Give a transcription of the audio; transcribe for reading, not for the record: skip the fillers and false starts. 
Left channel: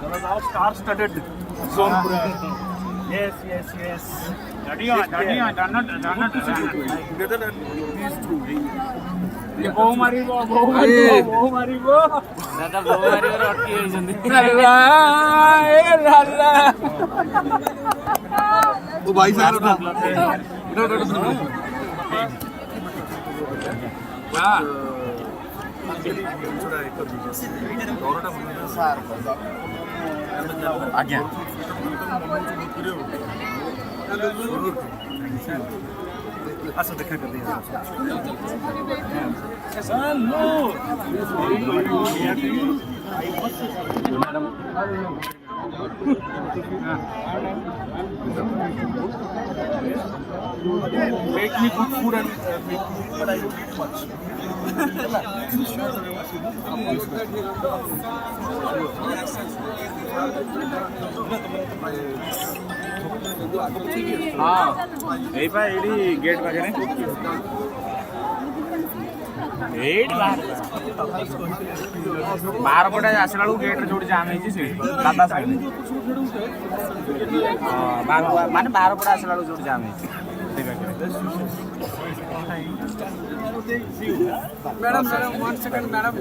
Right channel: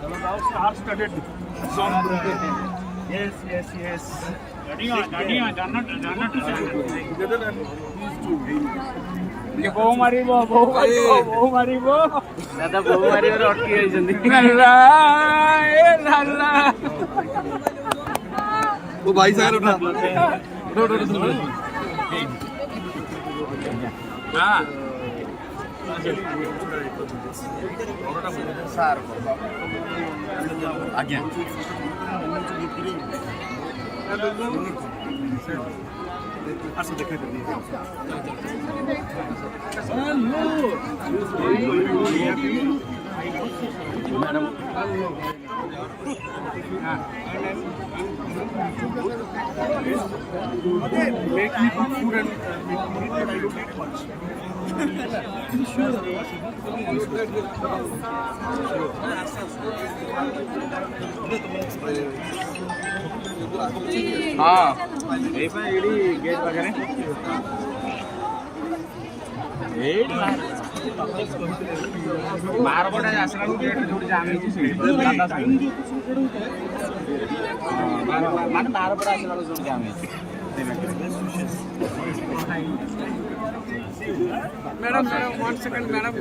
चलो जाओ star studded zone पूरा है यस यस यस गाड़ियां जानट ये बहु मारिबो दादा बहु मारिबो अटकी जाइछन्ती अल्लाह ए अल्लाह ओ भाई साहब उठा हां ସାର୍ ଆଜ୍ଞା ଆସ ଦେଖା କରିଦିଏ madam make me good food and make me eat, but I don't eat much. हाँ यही गेट पाखे बाहर पटे आसला गेट जो जाम दादा साइड माने बाहर पटे आसला जो जाम मैडम 1 second मैडम